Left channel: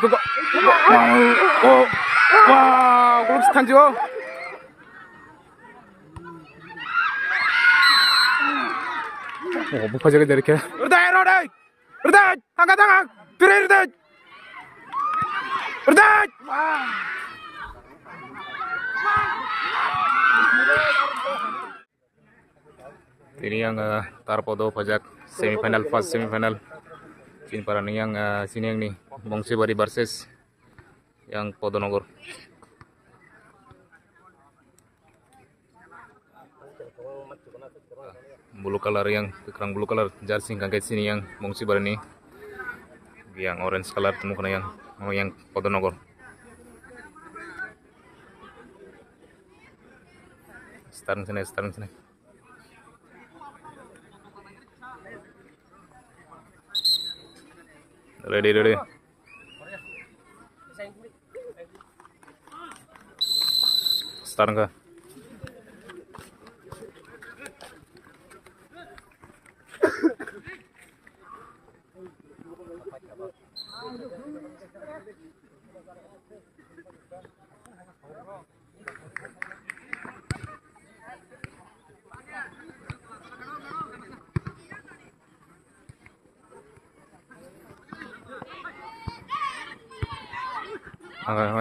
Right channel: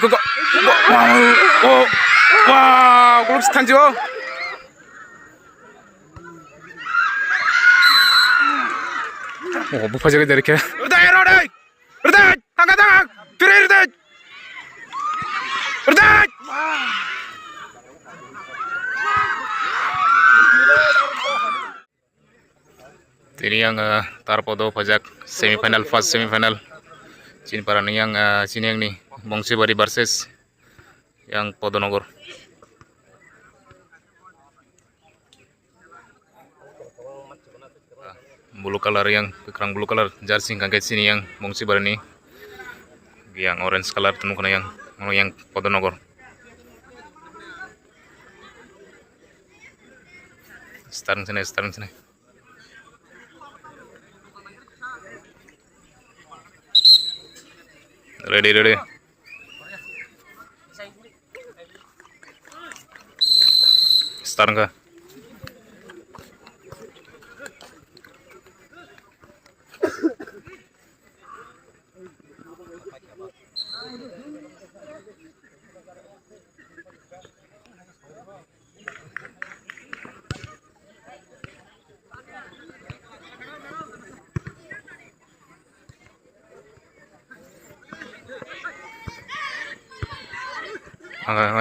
kok. Oh, wow, golok setanjo. Oh, buka jaga dari kira. Udah, angkat, piring udah. Ini yang tarpodo pajak semifinal, first semifinal. Sini para nih yang sini yang nih Bongsibari versus yang Podonogor. Blue color yang kerang blue color jersey kangket sini yang Bongsibari nih. Yang orange color temu kena yang Podonogor. Starting sini. Ready. Start ka?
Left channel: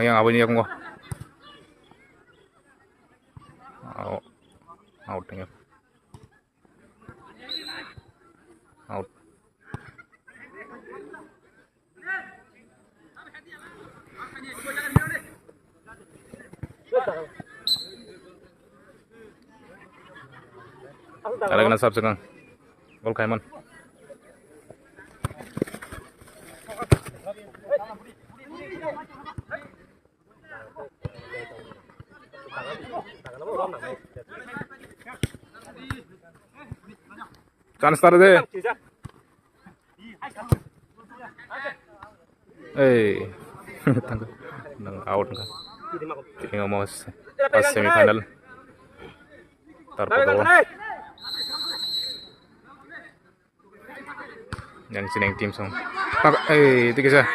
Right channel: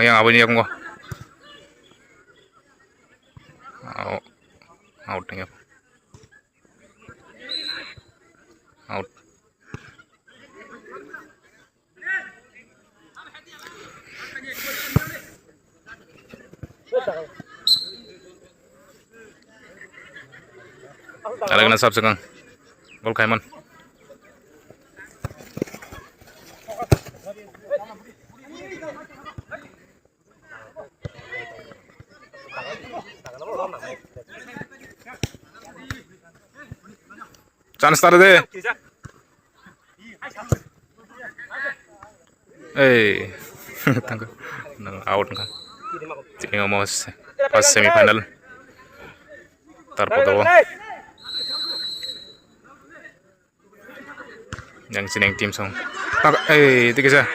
Yang apa ini aku nggak? Out nih. Out. Ada kena sab sekarang. Gol Kaiman. Chance tar deh. Tangga. Out nggak? Ini ngomong pas semifinal. Tarpodo. Yang sini yang tim song. Itu kisah.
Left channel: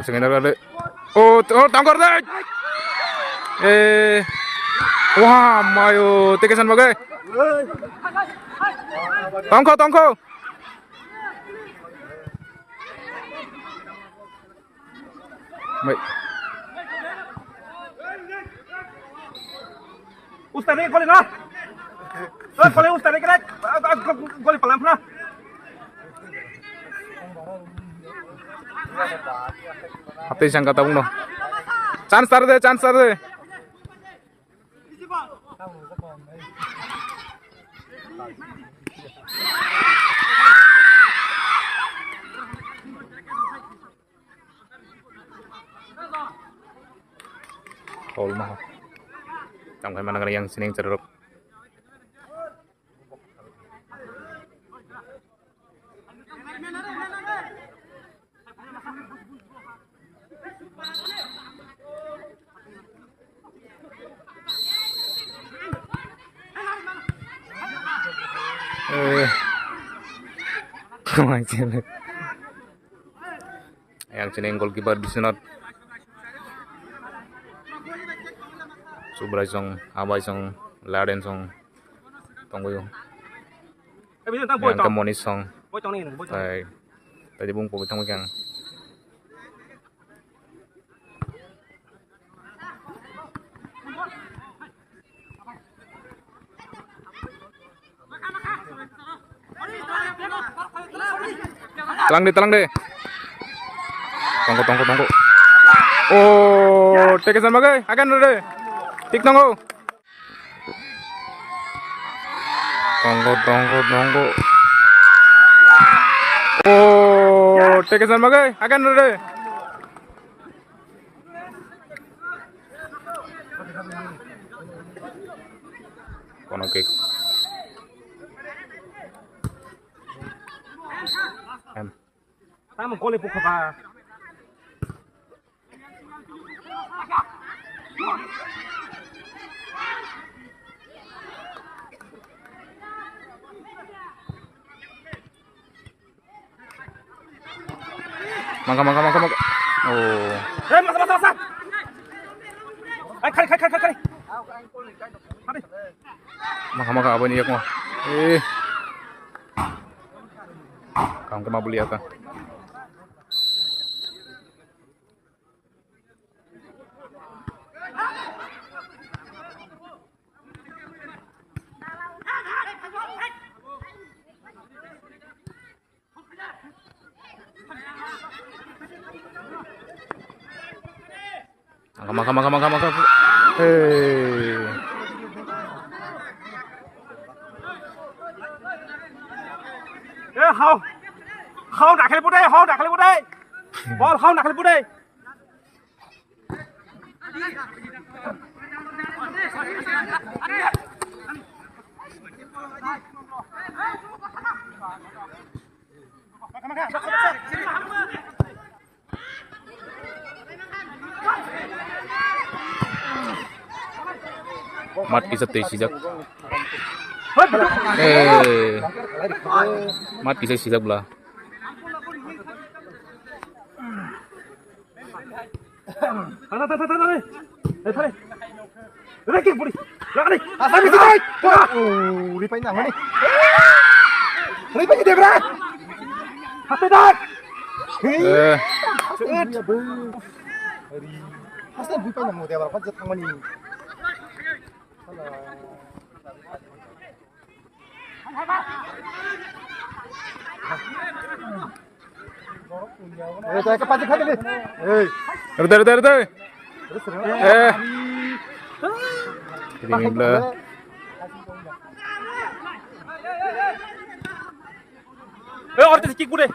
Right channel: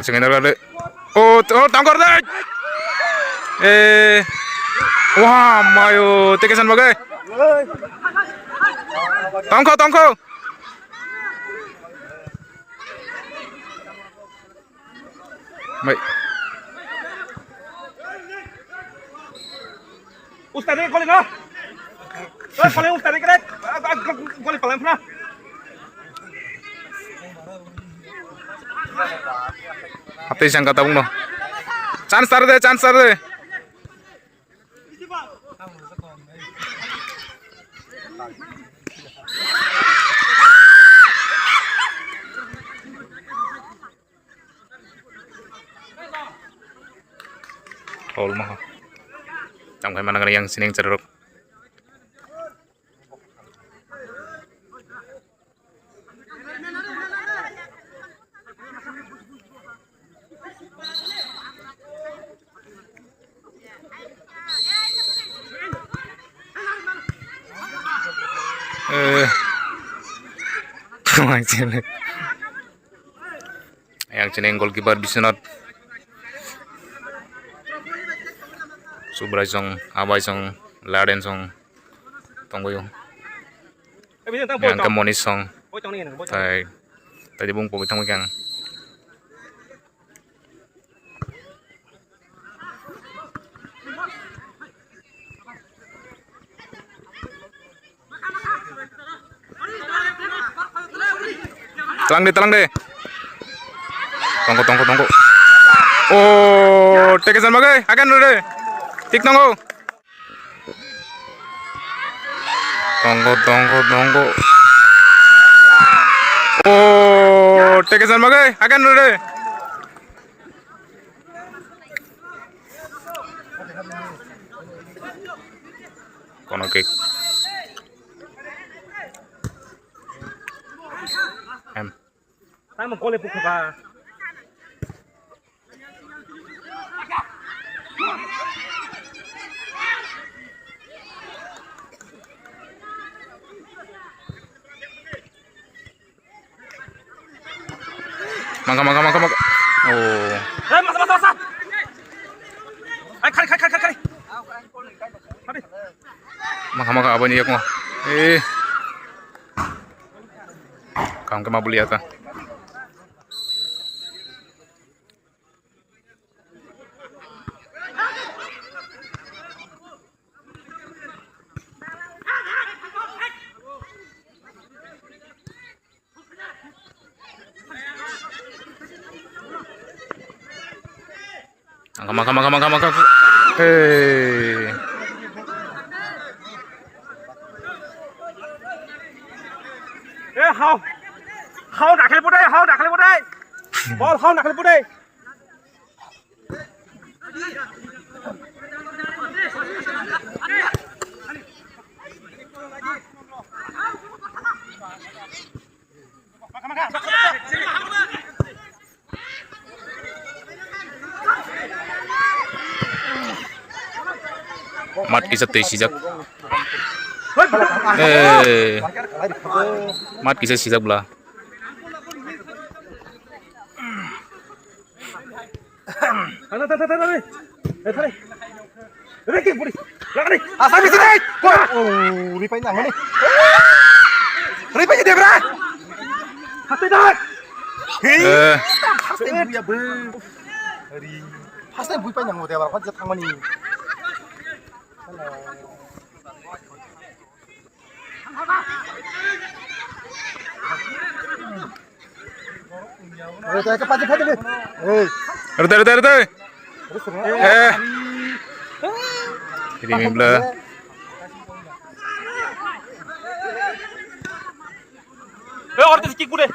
Seminar. Oh, tangkor deh. Wah, mayo, tekesan bagai. Tongko. Baik. Ustadz ini golin lah. Golin Ustadz ini keren. Golin pelan pelan. Apa yang kata bung no? Chance tar deh. Foul mah. Sampai mana yang sini yang ceruk. Yang sini goalkeeper Bisnot Subrai song, Abai song, Laden song, tunggu yo. Yang kemonis song, tadi bung pobi tunggu yang. Telang deh. Tunggu. Oh, tekesan bagai, akan deh. Tik tunggu. Oh, tekesan bagai, akan deh. Kono kick. Tama gol po ka. Mangka. Oh. Masa. Ay, kali. Mangka apa nih mo? Kamu kemana beli ata? Mangka. Hao đặt lên bút đây. Ball hao đặt lên bút đây. Mat kisah sijak. Mat kisah sijak belah. Thôi. Đây kìa, budi. Lại đi. Sao đi đây? Đi phải nhằng đi. Đi phải đi đây. Hati dah. Pasti bui panjang mau dia berapa jet tangan ini. Cepat deh. Rete. Jadi mimble. Orang tu sikit gue.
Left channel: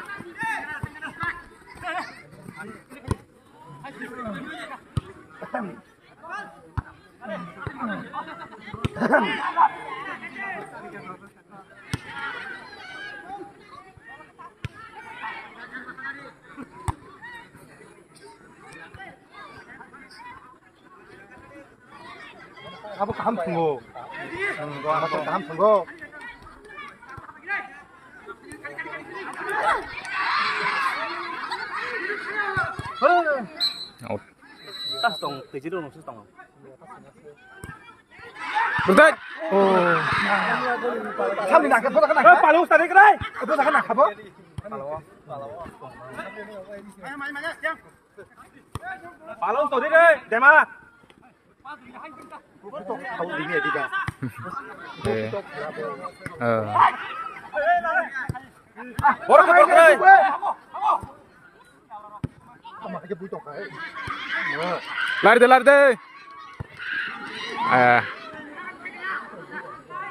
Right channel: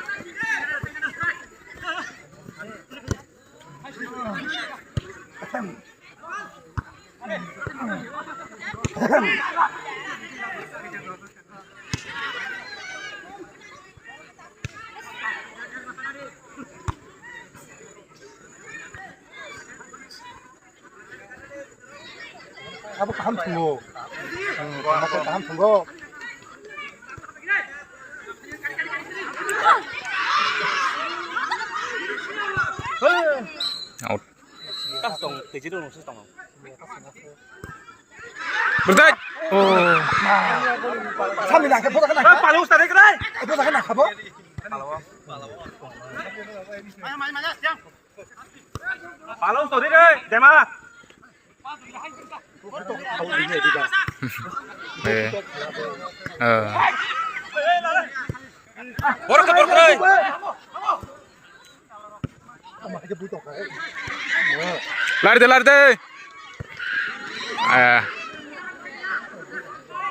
Apa paham tunggu? Apa paham tunggu? Out. Kasih teji dulu nusuk tang. Bertahan. Oh. Kami nak kepala kan? Palu ustaz ni kedai. Itu nak nak apa? Palu ustaz ni deh. Dema. Kau ini tidak. Borak. Lari deh.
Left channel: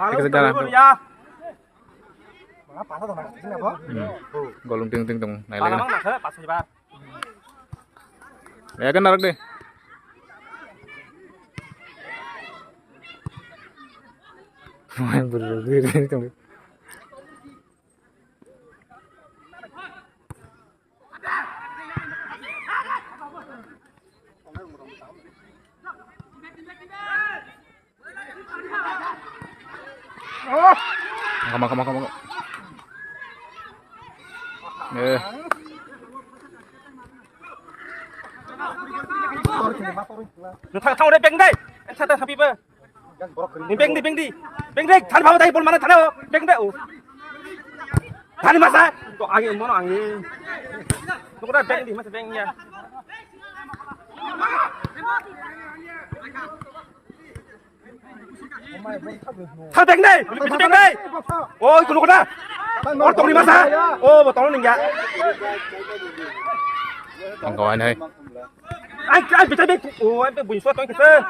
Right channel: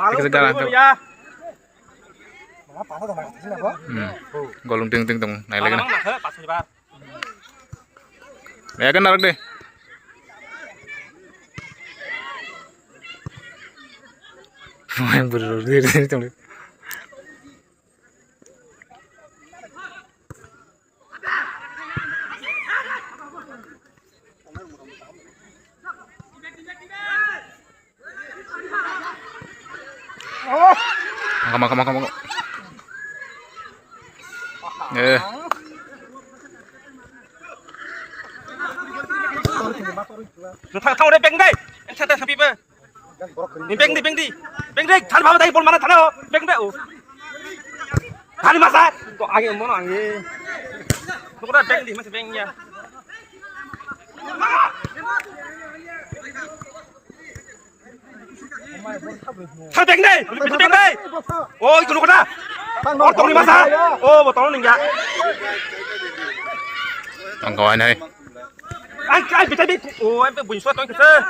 Kita segala tuh. Golong ting tung, naik lagi nih. Ya kan narik deh. Yang berdiri tuh. Makan. Thao đây beng đây. Anh sao tapi pe? Beng đi. Beng đây. Thali bawa dari pol mana thali? Beng deh. Thali masa? Kok angin mana angin? Tuh kada beng di masih bengnya. Thali beng đây. Beng đây. Ôi, tụi nó kada. Orang tong di masa? Oh, botol nih ya. Kawan ơi. Anh bị biết. Ôi, anh bị buồn suốt tôi kìa.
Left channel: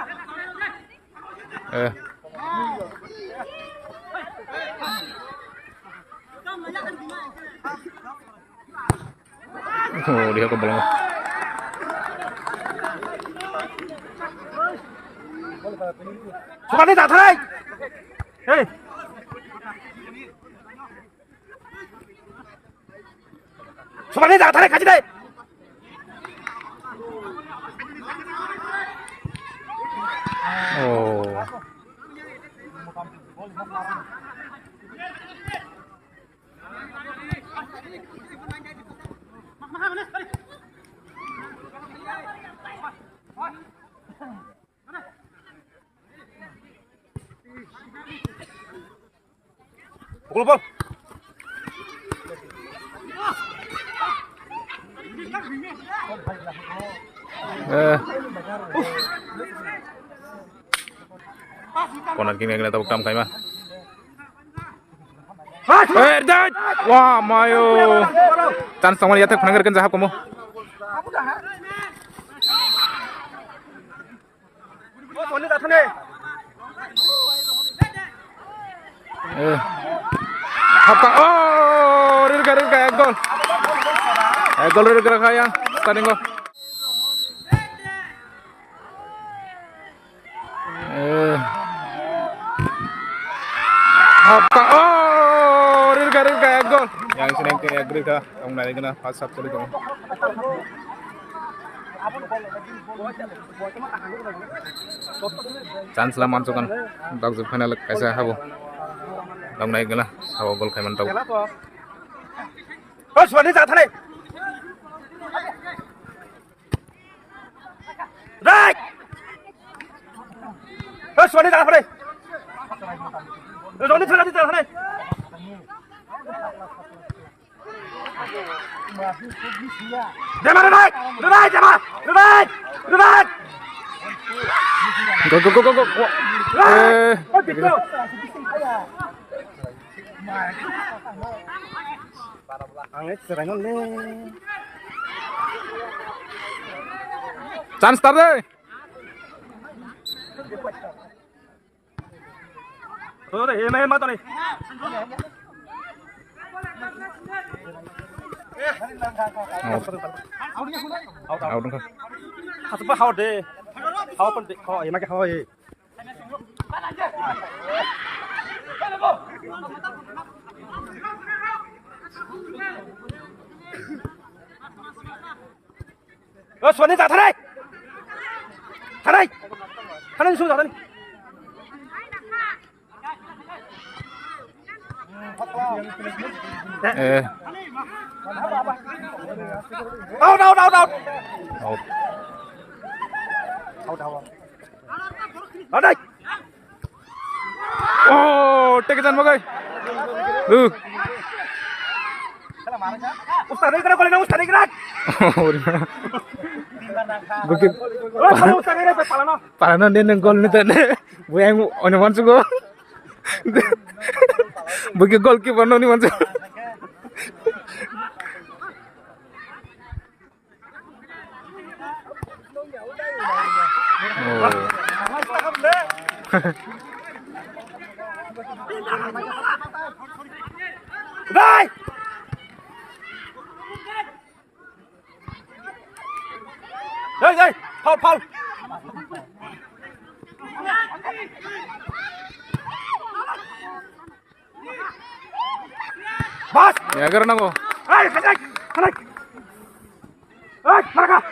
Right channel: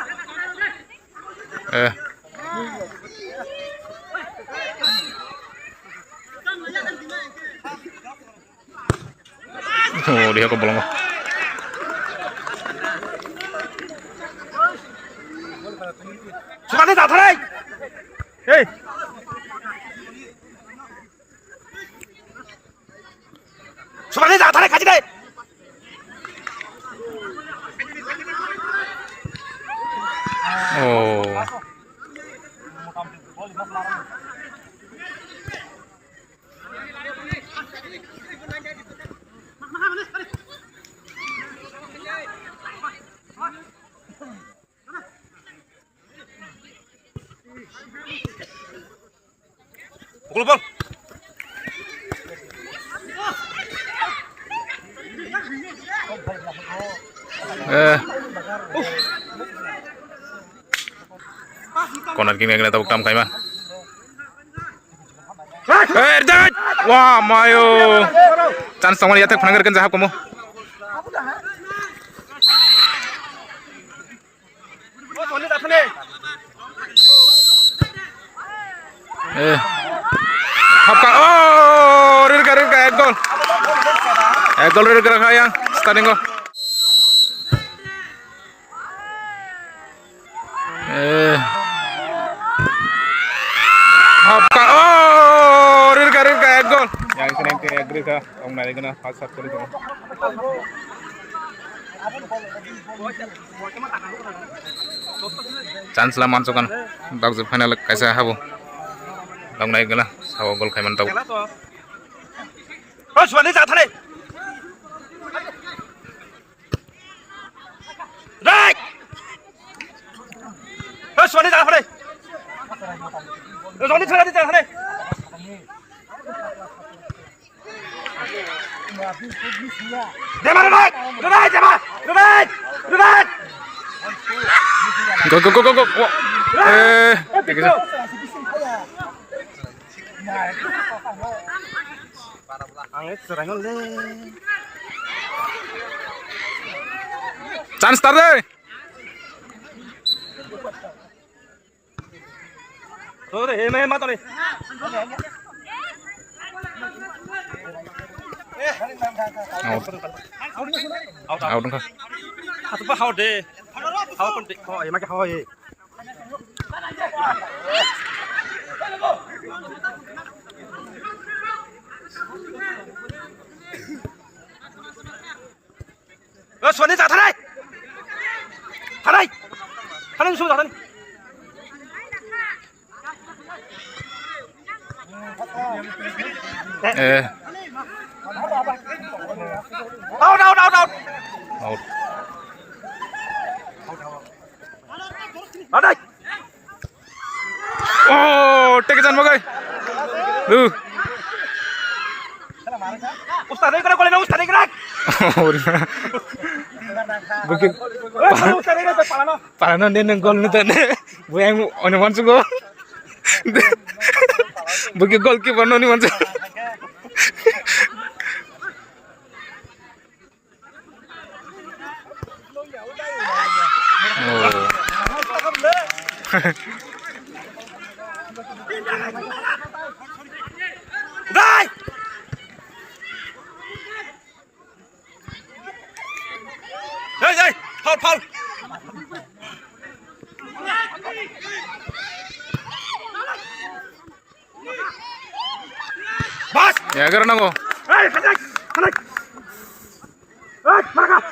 Oh, dia ke bolong. Suka ni tak tarik. Hei. Suka ni tak tarik kaji deh. Oh. Pukul bol. Corner king kena tabuk tam kaiman. Dah. Wah, mayo. Chance sama lihat penanggar kan zahab kamu. Hapka. Oh, rirka ek gol. Ek gol rirka kaya starting gol. Hapka. Oh, rirka ek gol. Yang sini ke ek rirka. Kamu nanti kena pas sab kali kamu. Chance lah masukkan. Bagus final kaisa habu. Long này cái là sau gol khai man tàu. Ôi chuẩn đi ra thằng này. Đây. Ôi chuẩn đi ra thằng này. Rồi đi ra thằng này. Để mà đây. Đây để mà. Đây. Đây. Go. Cái gì? Chance start deh. Tuh, main mata nih. Out dong kak. Satu bah out deh. Out penting. Oh, ya makai out. Xuân đi ra thằng này xuống ra thằng này đâu đây take it bagai Ustaz ini kena kolena Ustaz ini kena. Bukit. Parana dia nengkol ni tadi. Buang orang masuk go. Bukit gol keeper ni masuk. Đây. Đây, Paul. Bas. Ya karena ko. Hey, hanak.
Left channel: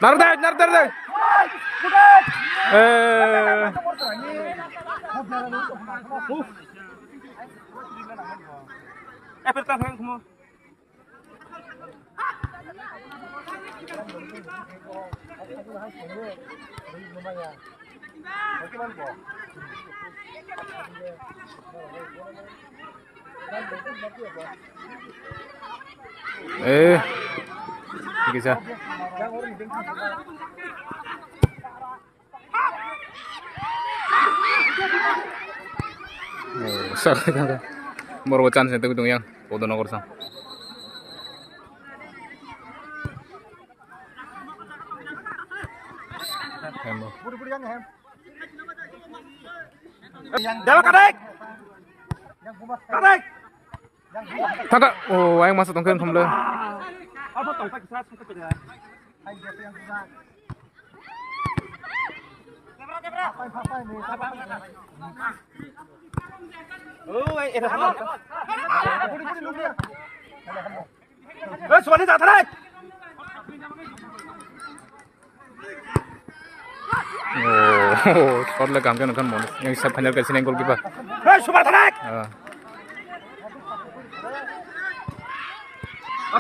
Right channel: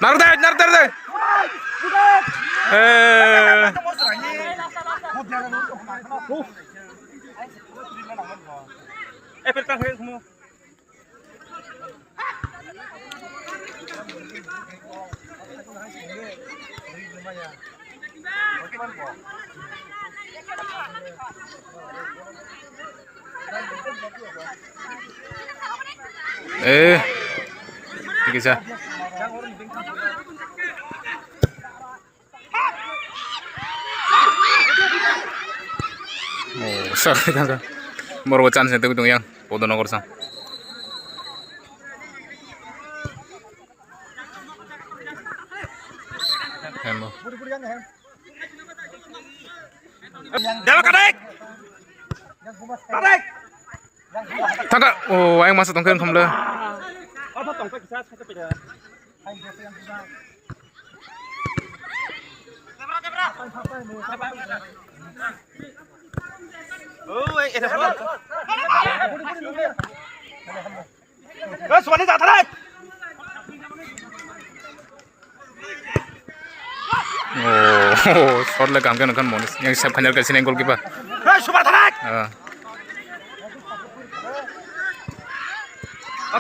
Nar deh. Perkan semua. Bisa. Oh, sakit kan? Baru chance itu yang podo nogor sang. Hembo. Dewa kadek. Taka, oh, yang masuk tongkeng kamle. Ada tongkeng bisa satu peda. Oh, itu apa? Suami tak tarik. Oh, shot le kam kan monis. Yang saya panjal ke sini goalkeeper. Suami tarik.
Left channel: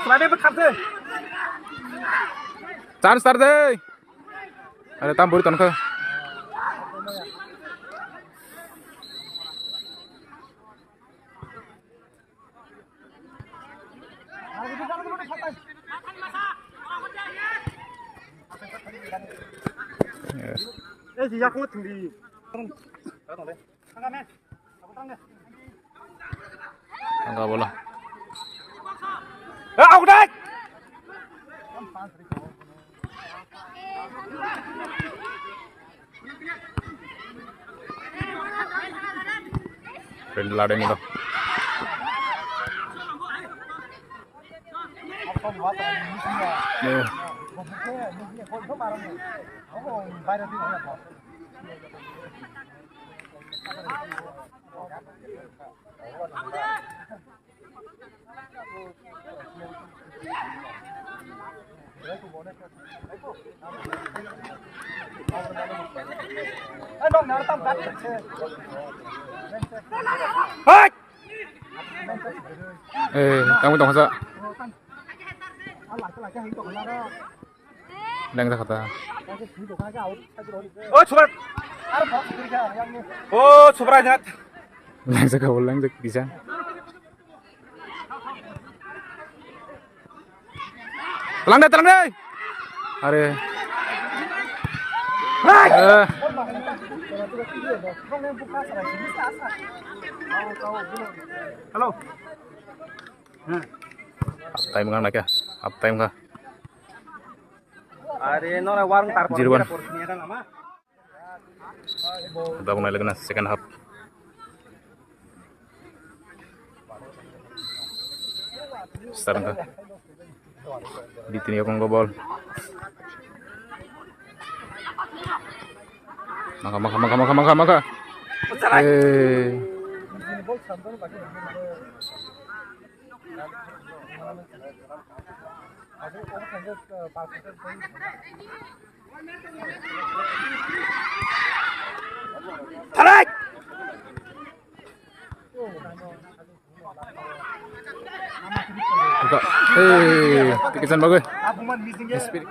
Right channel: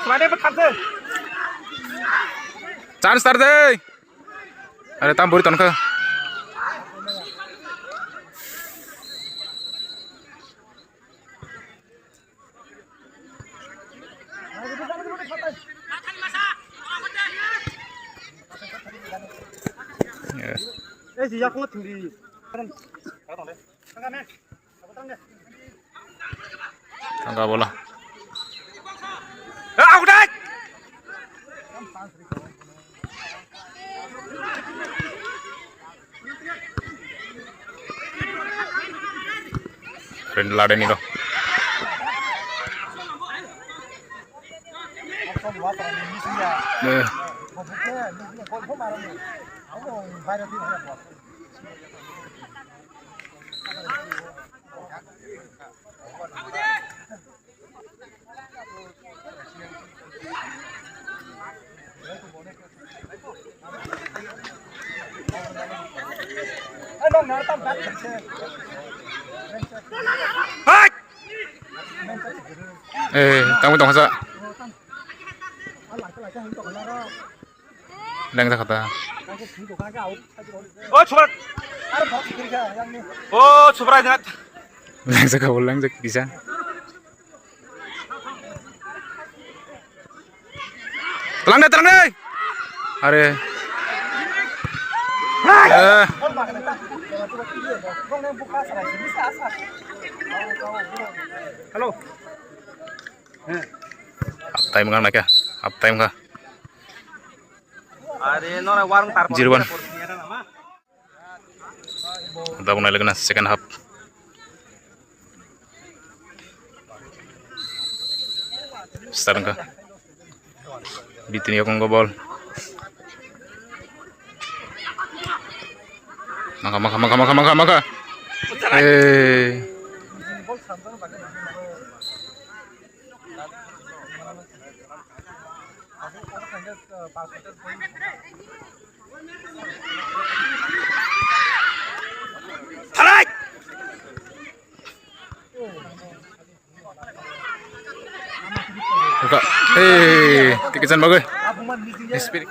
Suami berkata. Chance start deh. Ada tamburi tonka. 지야 공을 등디. tangga bola 아웃! రెండు లాడని ro kamu tong sa lang sa kata 출발. 출발하자. lang sa kawal lang sa bisa telang deh are Halo. up time ngang nak ya up time ka Are nona warung tarpo. 0-1 kita mulai lagi na second half start ka bitin yo kong ball maka Tarik. buka tikisan bagus speed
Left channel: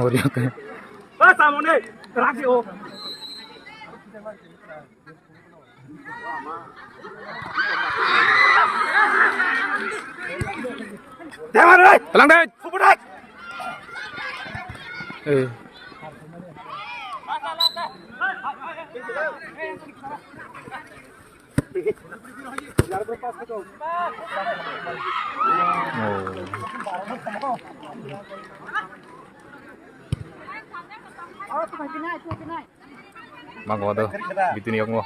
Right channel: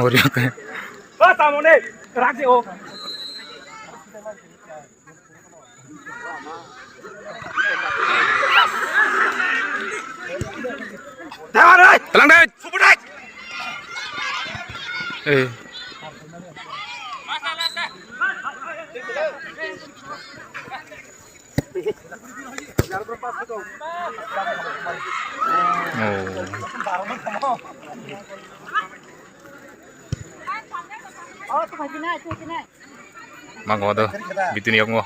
और ये क्या Bas samone. Raksi o. Dewan deh. telang deh Super deh. mang có đâu bitin yok ngo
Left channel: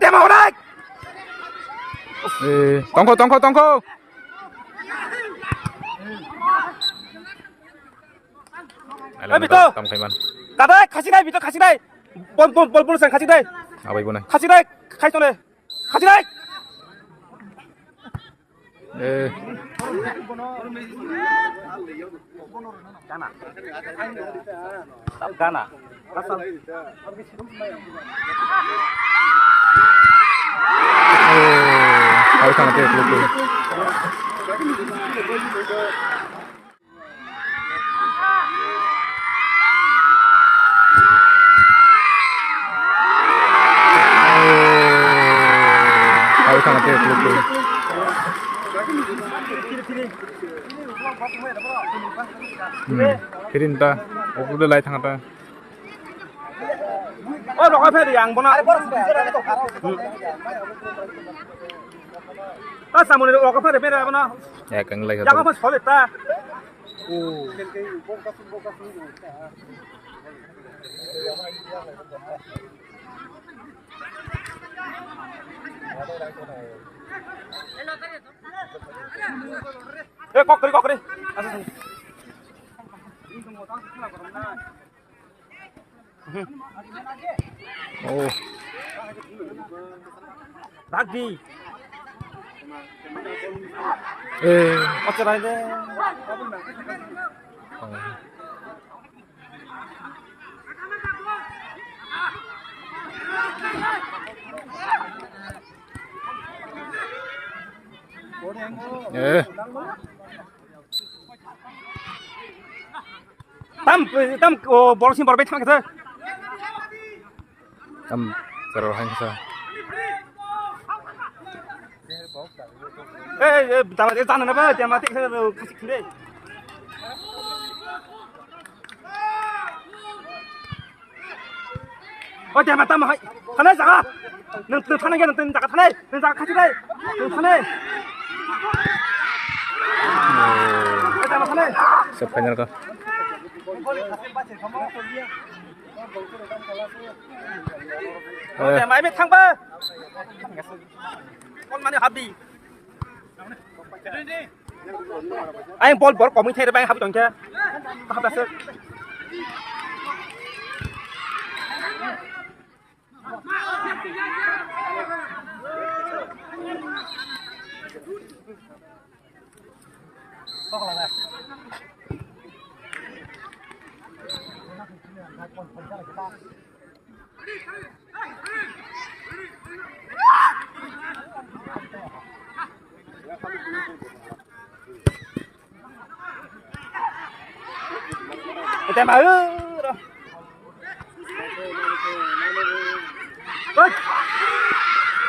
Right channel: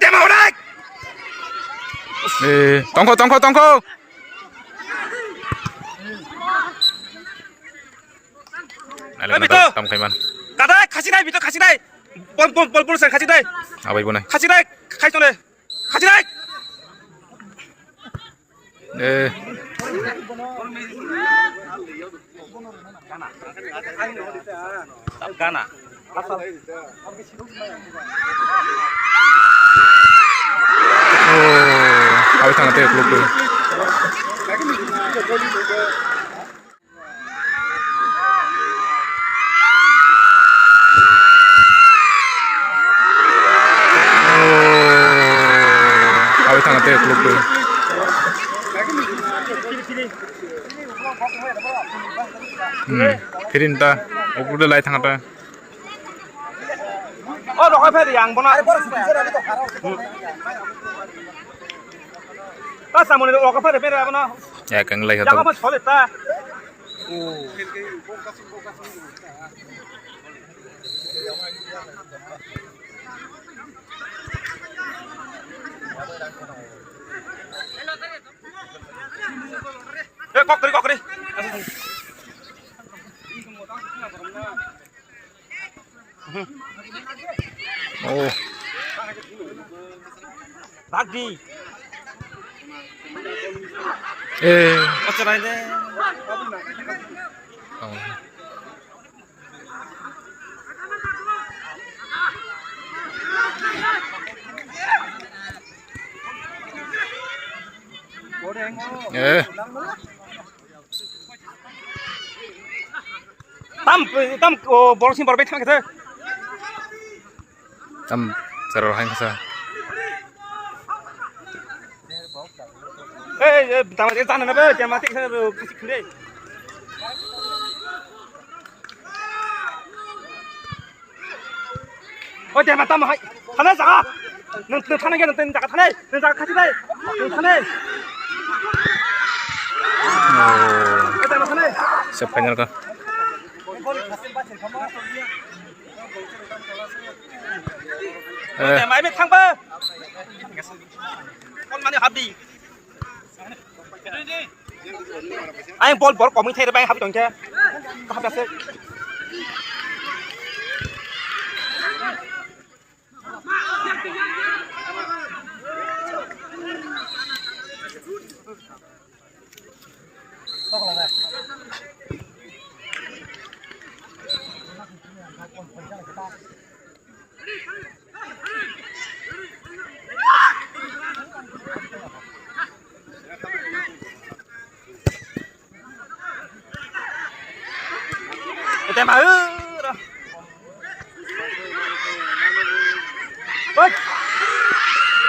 Dia mau naik. tongko Bito. tam kaiman Kadai kasih naik, Bito kasih naik. Bol sen kasih naik. apa ibu nai Kasih naik. Kasih naik. Kasih naik. Gana. habis sangat ya klub tuh habis sangat ya klub tuh Firinta, aku udah lagi tangata. Oh, lo apa yang bona? Ah, sama ni lo apa yang beda apa no? Ya, kang lagi Yang satu. apa solid ta? Kok kali. Oh. Lagi. Macam ini. Oh. Tam bola sih berbeda gitu. Tam cara hang sa. Tamat itu sana apa? Jangan mati saya kisik kiri. Oh jangan mati mah. Sana sah. Nanti sana kan nanti jaga sana. Nanti jaga kasih deh. Sana. Oh. Jangan sana. Siap final ka. Jangan main thang ba. Con mana habis. Anh ball của mình thay được anh học chẳng chưa? Có học được chưa? Tem mà ơi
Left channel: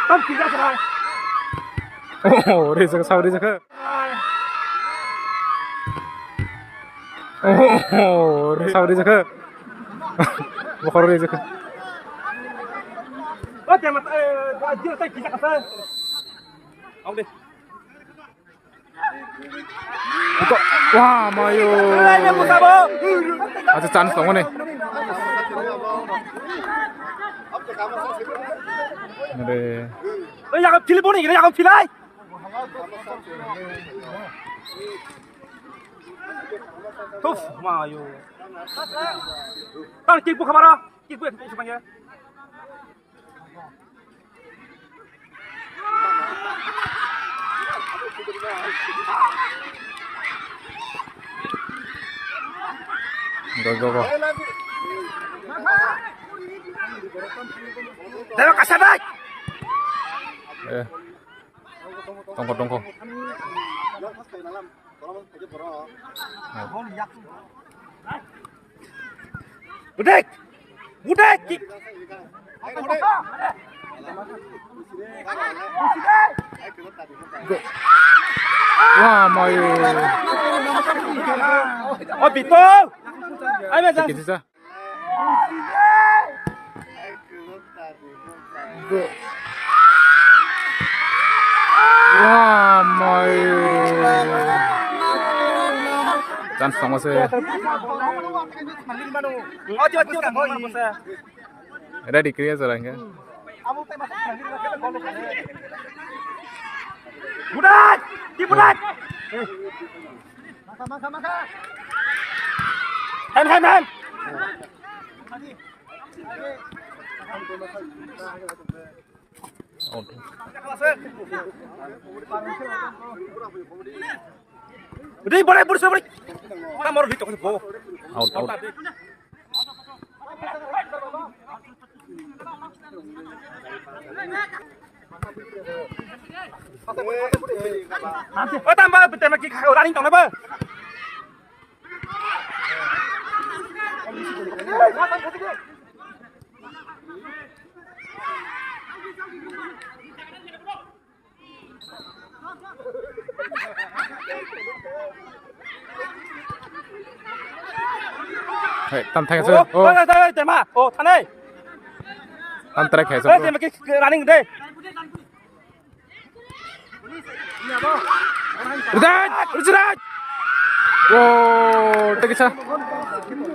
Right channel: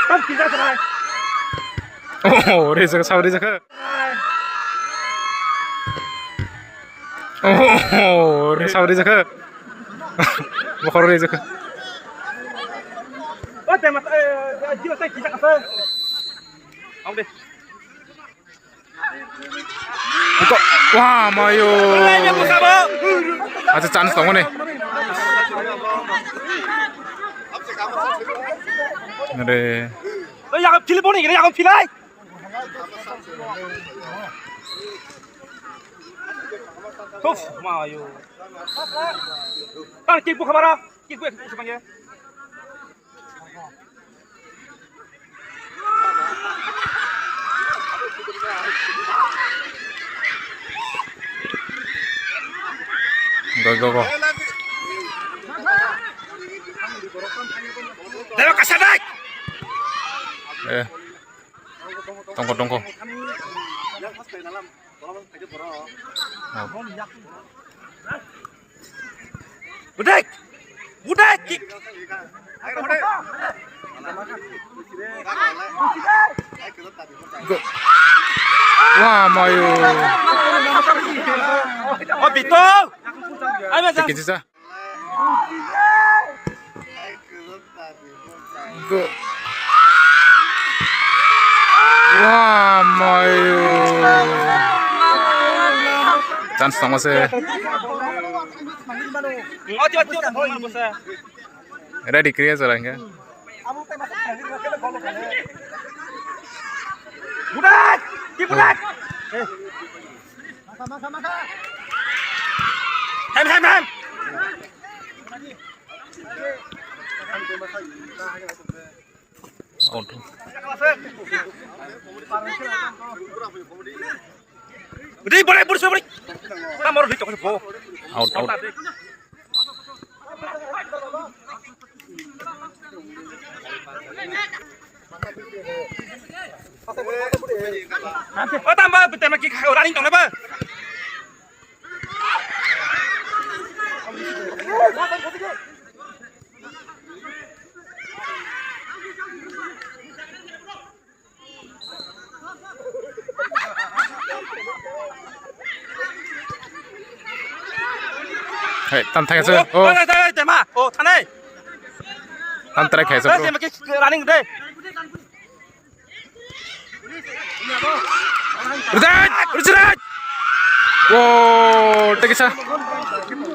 con kiếm ra rồi Oh, reza sao reza ka. Oh, sao reza ka. Bakor reza ka. ơ tem mà chưa tay kiếm ra cà phê ông đi Iko. Wah, mayo. Aku sabo Ada chance dong nih. Ada. 약간 필리본이 그래 약간 필라이 또 마요 땅 끼고 가봐라 끼고 잠깐만요 Go. 내가 가사다 Tongko. Budek Go. Wah, mayo. oh bito ay mazang Dikit sisa. Go. Wah, mayo. Chance dong masih. oh tiba-tiba Ready clear jalan kan? Budek Hem Out. Udah boleh boleh kita mau di toko Out. oh tambah betul lagi kau running tong apa Hey, tam thang sir. Oh, tema oh thane tam track hai sir. dia makin running deh Rajat! Wow, tekisa. Tunggu.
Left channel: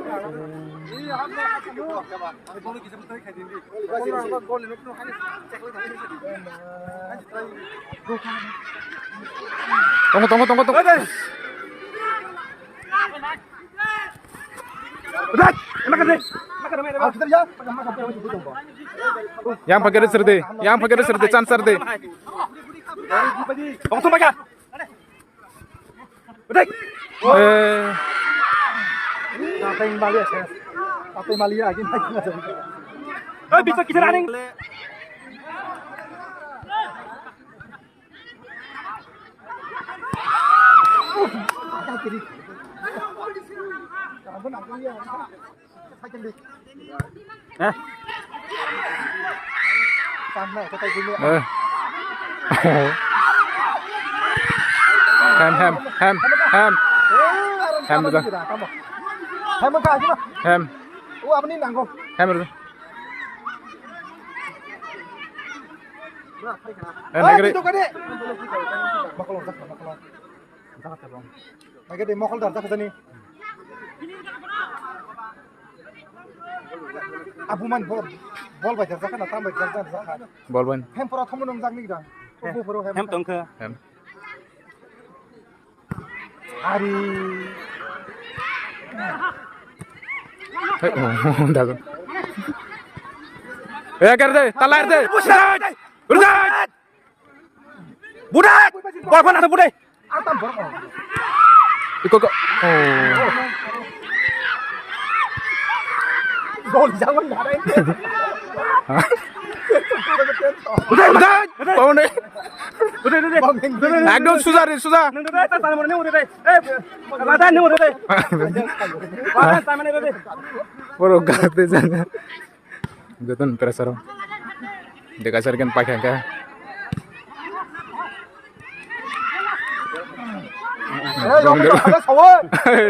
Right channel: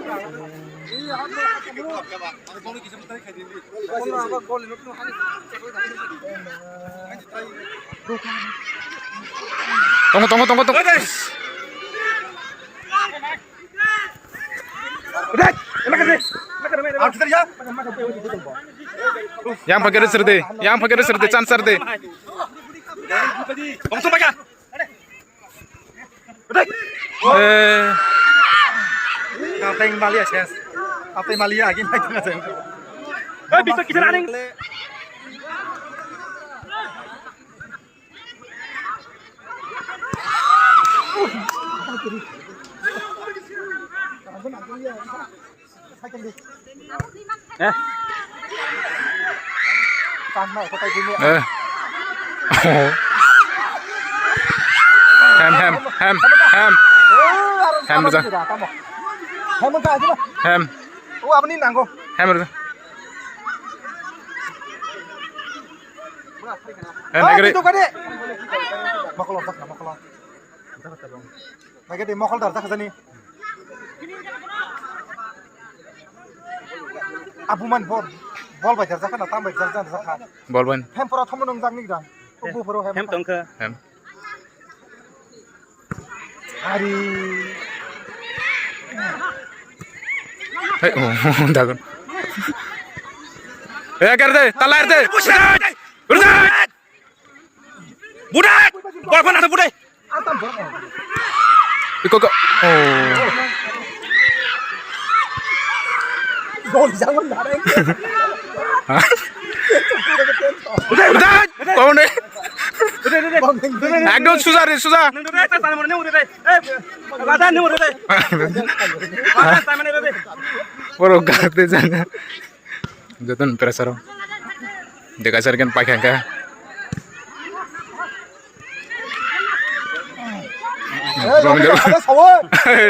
Yang pakai reser deh, chance deh. Langsung pakai. Ngapain Malia ses? Apa Malia lagi naik aja. Bisa kita running. Sama kota dulu. Oh. Ham betul. Ham apa aja mah? Ham. Oh, apa nih nanggo? Ham betul. Naik deh. Makolong. Naik deh, mokol dah ke sini. Abuman bol baca zakan atau baca zakan. Ball ban. Ham pura thom nong jang ni dah. Abu pura ham. Hem tongke. Ham. Hari. Hey, oh, dagun. कर दे, तलार दे. Udah. Budak. Bal ada budak. Antam berapa? Kok. Oh. Gol jangan lari. Udah. Kau nih. একদম সুজা রে সুজা বড় গাতে জানা যতন pressure দেখা sir কেন পাখা কা রং জো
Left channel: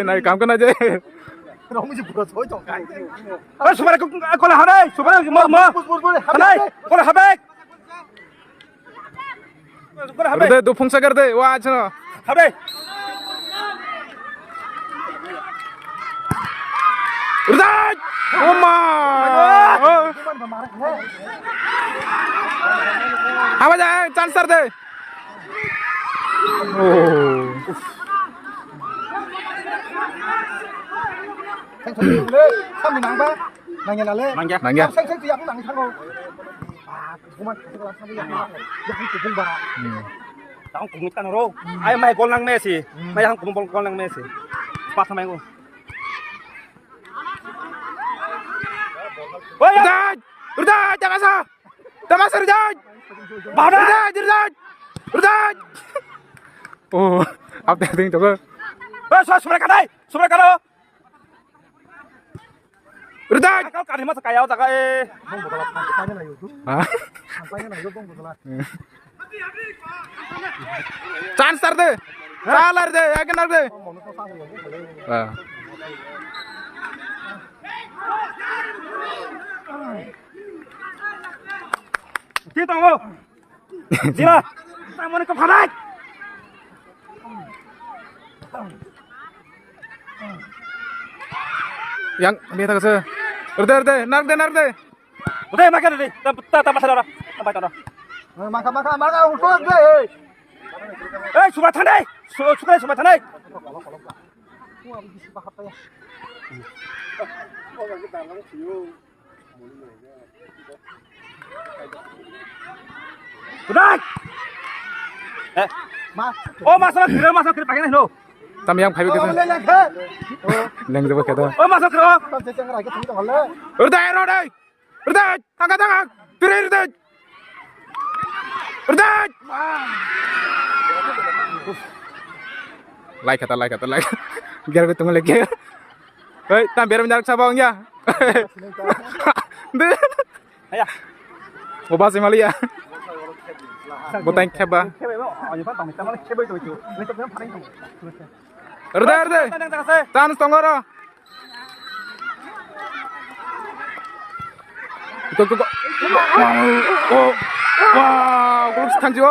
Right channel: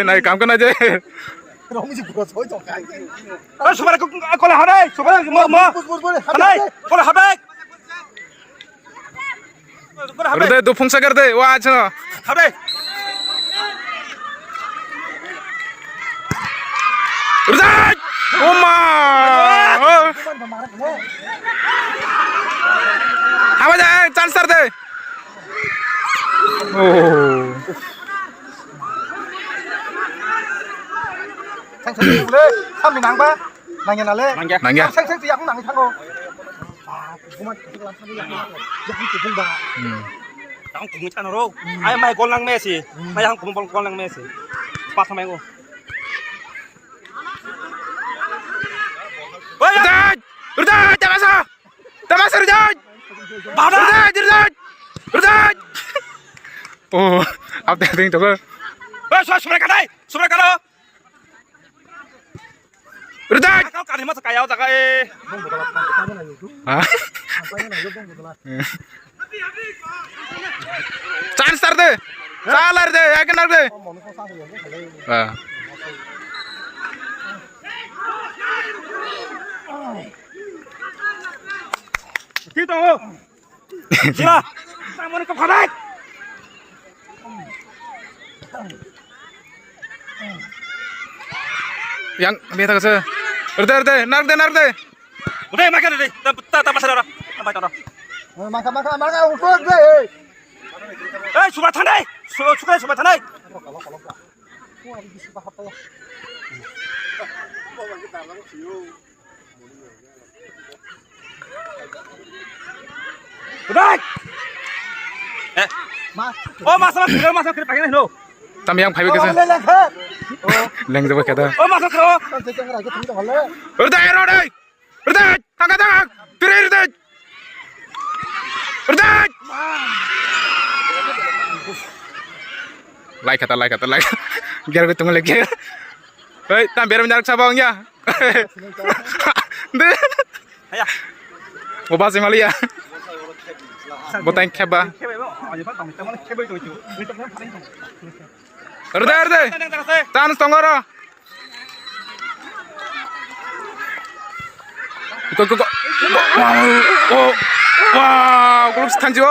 নাই কাম করনা যে রং জি পুরো ছয় টাকা এই সুবারে কোলে হারে সুবারে মা হারে কোলে হবে Udah tuh fungsi kerja, wah cina. Habe. Udah, Oma. Apa aja, chance deh. Oh. Sang le, kami nang ba? Nangnya nale. Nangya. Sang tiang nang thang go. Cuma kelas kami yang kupung ba. Yang kupung kan ro. Ai mai gol nang Messi. Mai yang kupung gol nang Messi. Pas sama ngo. Udah, jangan masuk. Jangan masuk, udah. Oh, apa yang coba? Suara kadai. Udah. Kau kali masuk kaya jaga Bong bola kampanye na YouTube. Hah? Kampanye na YouTube bong bola. Chance deh. Salar deh, yakin deh. Mono ko sa ko khale. Ah. Kita mau. Sila. Kamu nak kadai. Yang biasa ke sana. Udah, narik deh. Udah makan deh. Tak masalah. Sampai tahu. Maka untuk deh. Sudah tandai. Sudah tandai. Udah. Oh masalah kira pakai nih no. Tapi yang five ke sana. Leng coba kata. Oh masuk ke. Udah, tangkap. Pirir deh. Udah. Like kata. Biar gue tunggu lagi. Hei, biar menjarak sabangnya. Deh. Ayah. Mau bahas Malia. Mau tanya keba. Udah. Chance tonggoro. Kok. Wow, grup stanjo.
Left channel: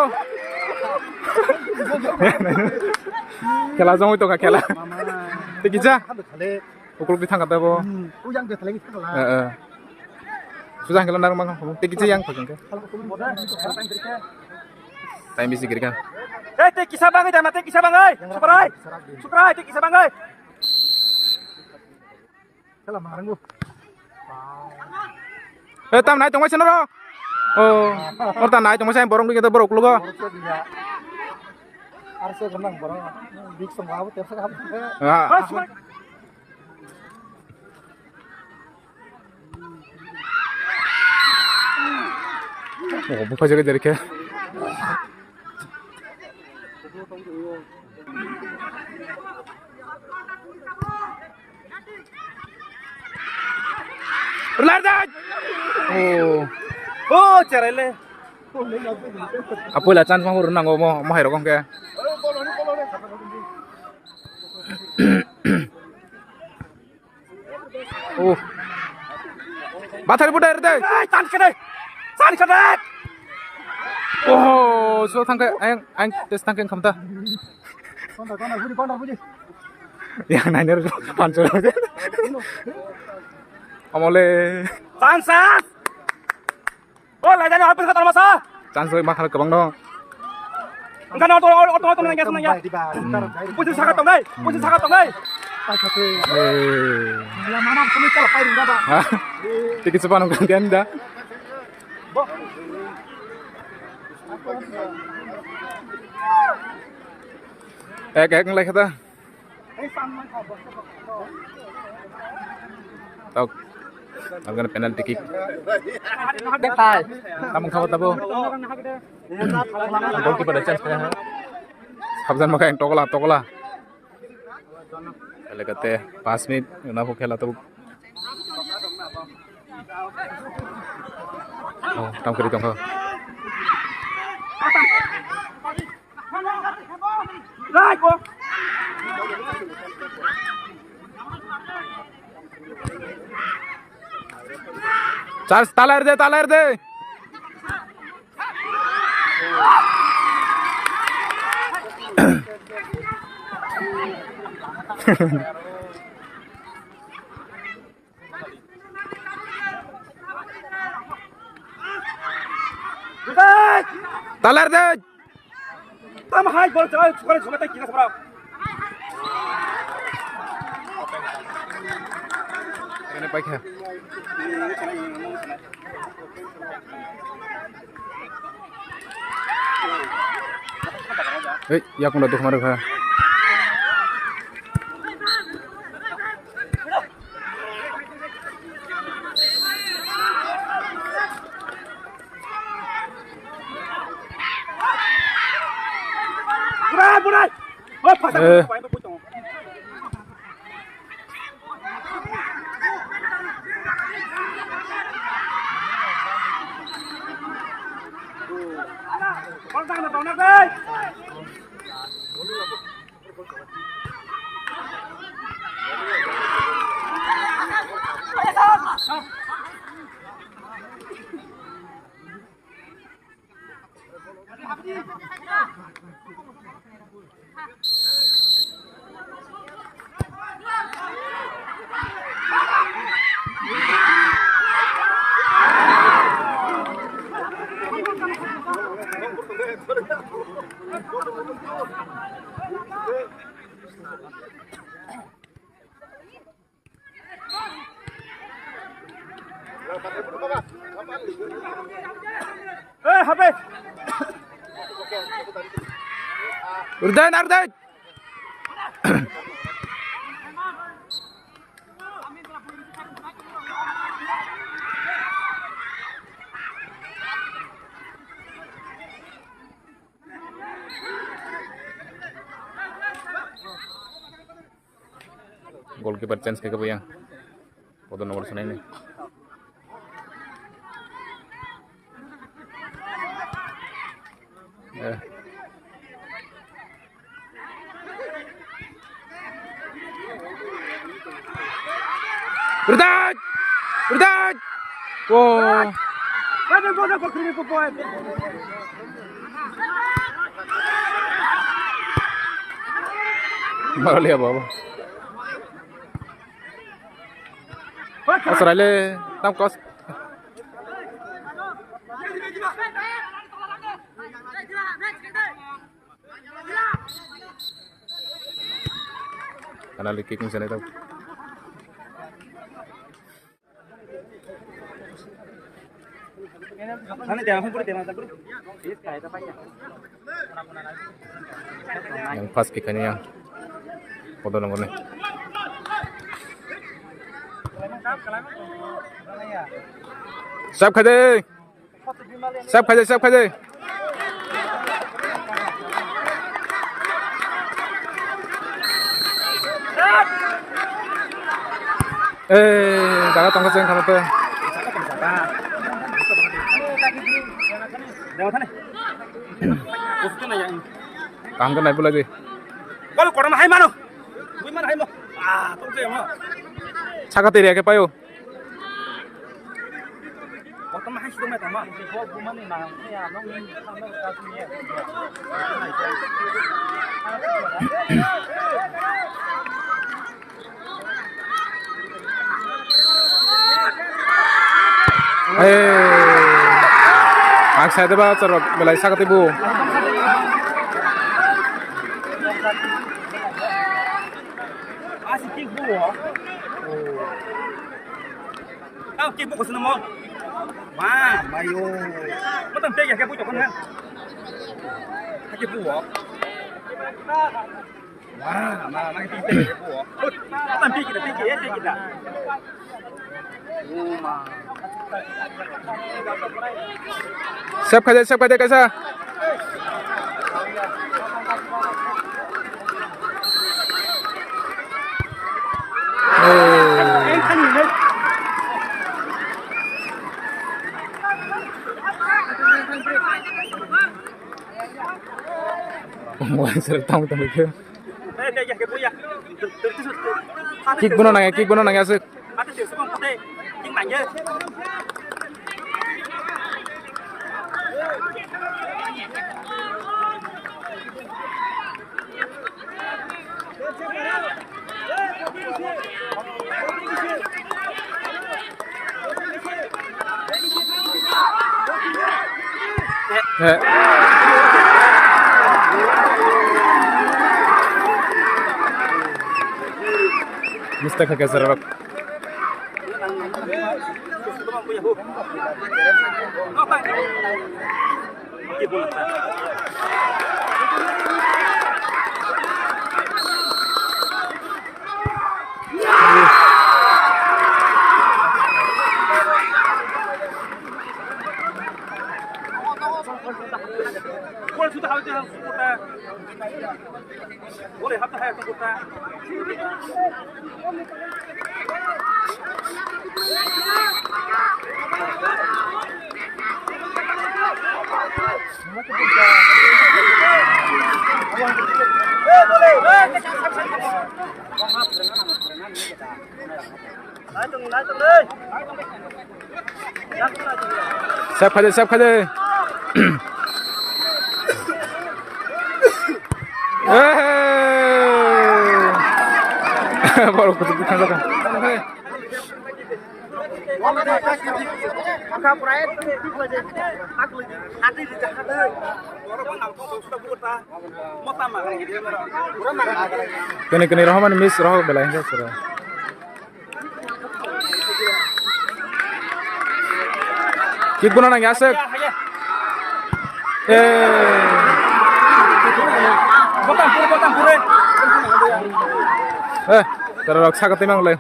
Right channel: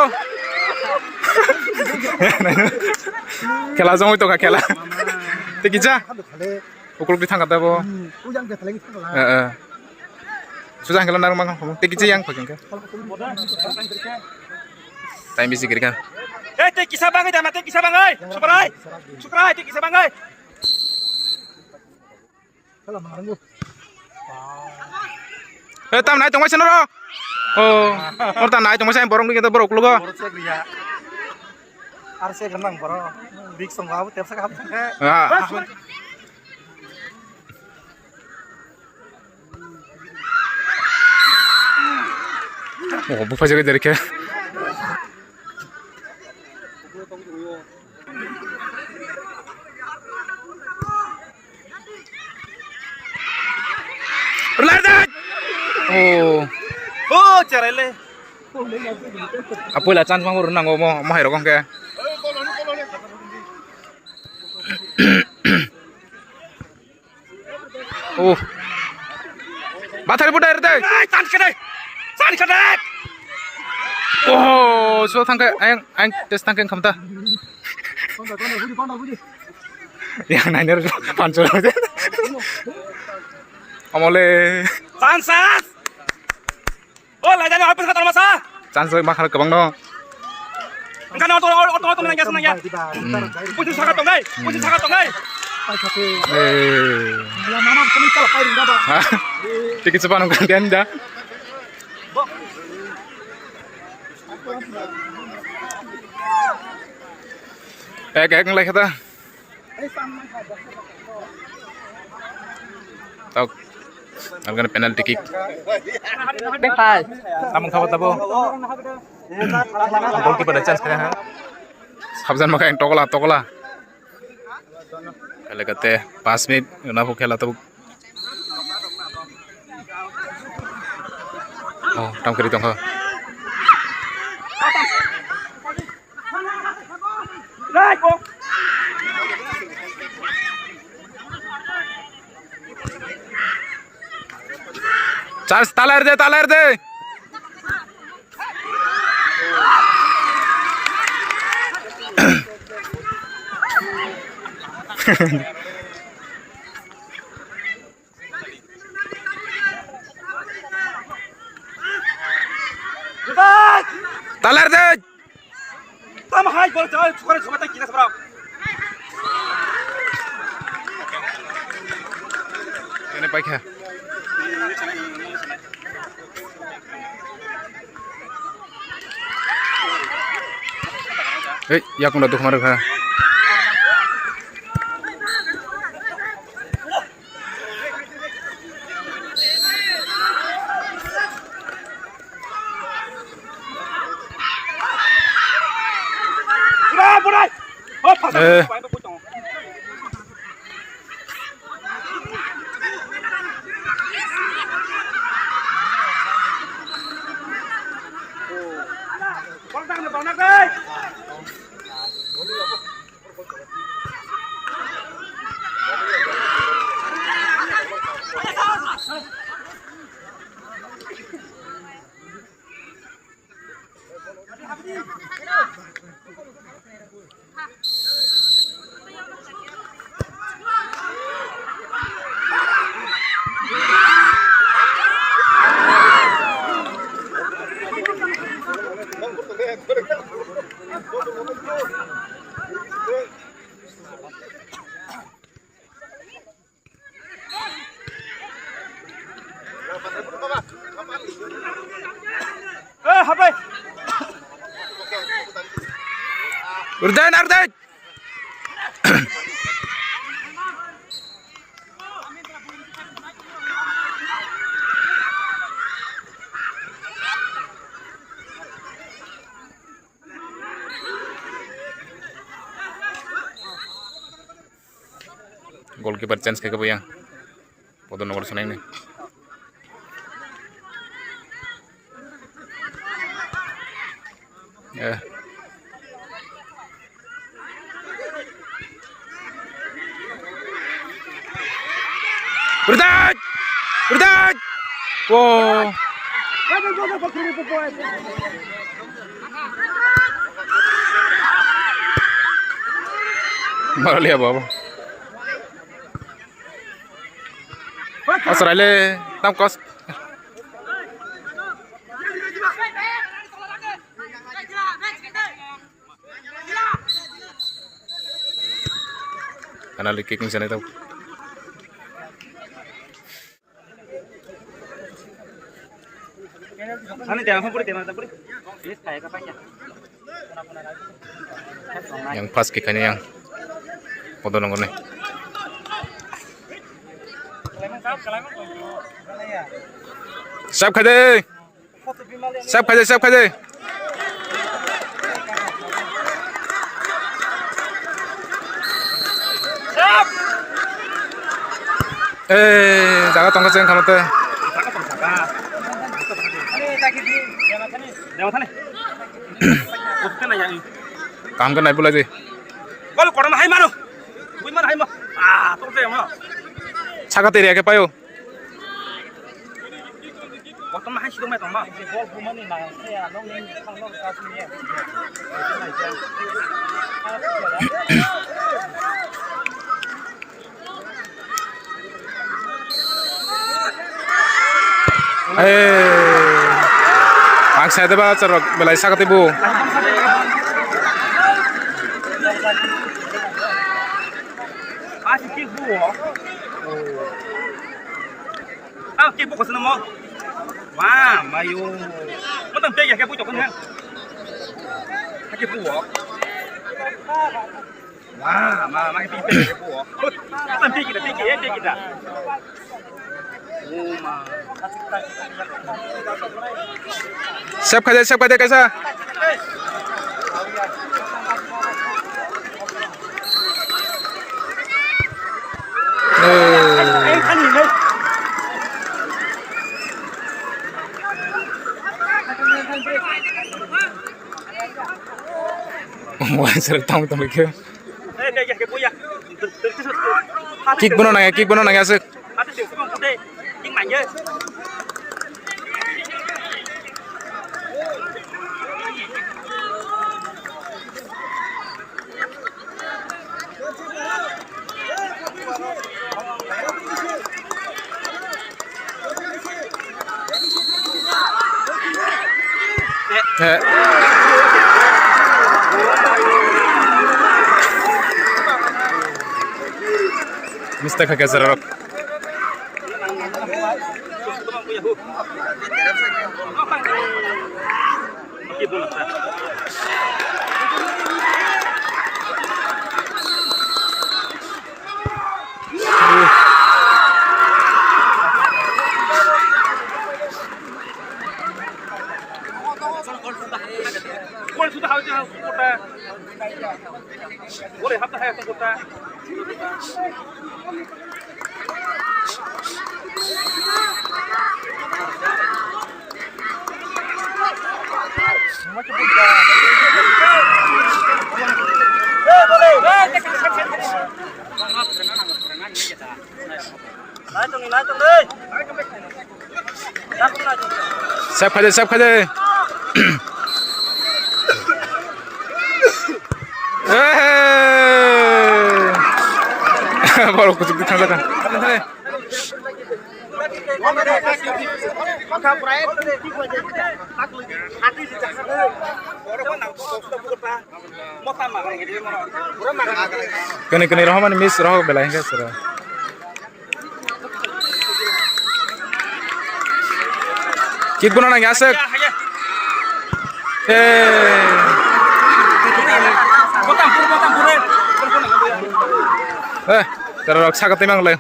Kela jong itu kak kela. Tikija. Kan thale. Ukur di tangkat apa? Yang dia thale gitu lah. Susah kalau narung mang. Tikija yang pakai ke. Time bisi kiri kan. Tik kisah bang dah mati kisah bang ơi. Sukrai tik kisah bang ơi. Kalau marang gua. Tam naik tong macam mana? Oh, orang naik tong macam borong kita borok lu kok. Arse ganang borong. Big song apa tiap sekali. Oh, bukan jaga dari ke. Berlari. Oh, cerele. Apa lah chance mau renang mau hero kong ke. Oh. Bathari budai rete. Chance ke deh. Chance ke deh. Oh, so tangke ang tes tangke kamta. Yang nanya pancol aja. Amole. Chance. Oh, lagi ada apa sih kata masa? Chance makar kebang dong. Enggak nonton nanya senangnya. Puji sangat tongai, puji sangat tongai. Ya mama kami kalau pai rinda ba. Tikit sepanung gantian dah. Kayak ngelek kata. Tahu. Algan penalty kick. Among kawat abo. Goalkeeper ada chance kaya. Sabjan maka yang tokola. Kale kate 5 minit na po khela tab. Oh, tam kari tong ha. Naik, Bang. Charles talar de. Talar de. Tama hai bol coy, suara cuma tak kira seberapa. Ini baik ya. Ya aku udah tuh kemarin kan. Burai. Oh, pasang. HP. Urdan. Goalkeeper chance kayak apa yang? Foto nomor seneng nih. Ya. Berdat. Wow. Malah lihat apa? Australia tam kos. Kanali kicking sana itu. Sana jangan puri jangan puri. Yes kayak apa ya? Yang pas kickannya yang foto nongol nih. Siap kaje. Siap kaje, siap kaje. Daga tongkat sen kamu tuh. Jangan sana. Usah nanya ini. Kamu kan naik pula sih. Kalau korang mah hai mana? Bui mana hai mah? Ah, tunggu saya mah. Cakap tiri ya payo. Waktu mah hai sih mah mah. Ang saya tu baca cerok belai cakap ibu. Asik kibu. Ah, kibu kau senang mau? Wah, mayo. Kau tak pergi kibu jauh kan? Kibu. Wah, mah pergi kibu. Tak pergi kita. Oh, mah. Siap kaje kaisa. Wah, seru tamu ke. Kick bunuh nanya asik. Ada sih sebelum putih, king manja. Mistake agak serok. Gol sudah harus kota. Boleh apa hai kota. Siap kaje. Baru kusuk kan kan. Kene roh miss roh belain ke sura. Kick bunuh nang asik. Terus cakap timang le.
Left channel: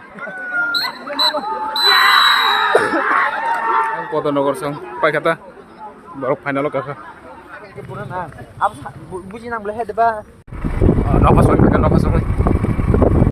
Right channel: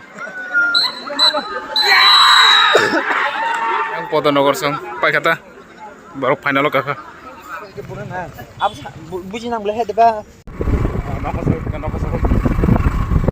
Yang foto nogor song, pai kata, baru final kakak. Ab buji nang boleh ada ba? Nafas lagi.